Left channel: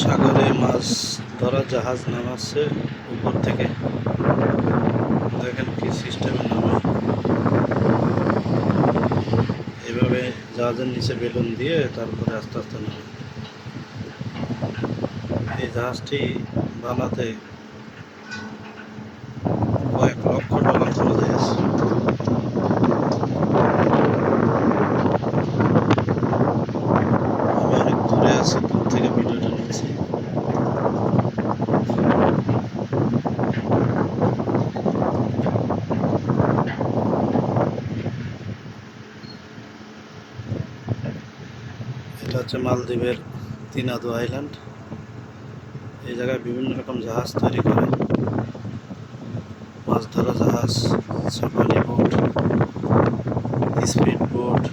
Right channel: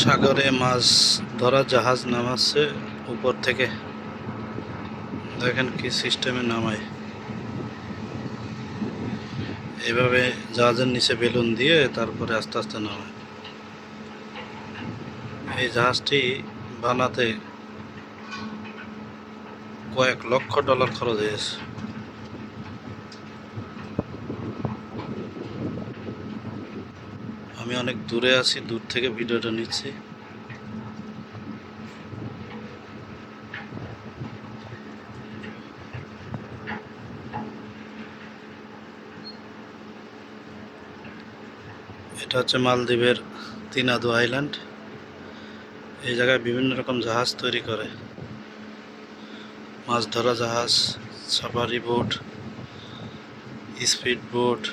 সাগরে মাছ ধরা জাহাজ নামাচ্ছে উপর থেকে। দেখেন কি সিস্টেমে নামায়, এইভাবে জাহাজের নিচে বেলুন দিয়ে তারপরে আস্তে আস্তে নামায়। এই জাহাজটি বানাতে কয়েক লক্ষ ডলার খরচ হয়েছে। আমি অনেক দূরে আছি, দূর থেকে ভিডিওটা নিচ্ছি। এটা হচ্ছে মালদ্বীপের তিনাদু আইল্যান্ড। এই জায়গায় বিভিন্ন রকম জাহাজ তৈরি করে, মাছ ধরা জাহাজ, সাফারি বোট, স্পিড বোট।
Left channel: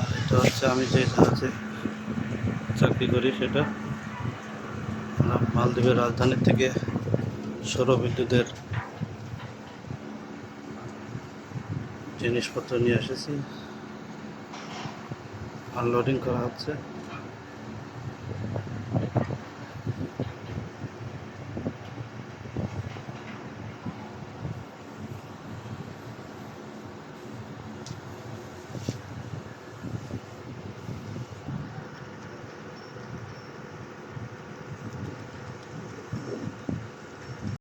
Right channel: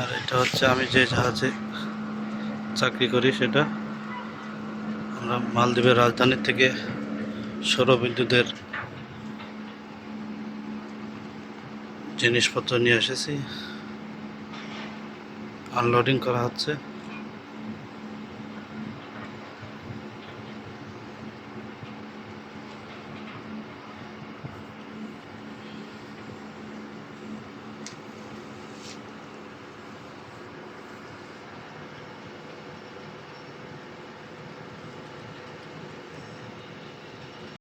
আর এটা হচ্ছে আমি যে জাহাজে চাকরি করি, সেটা আমরা মালদ্বীপের রাজধানী থেকে সৌরবিদ্যুতের জিনিসপত্র নিয়ে এসেছি, আনলোডিং করা হচ্ছে।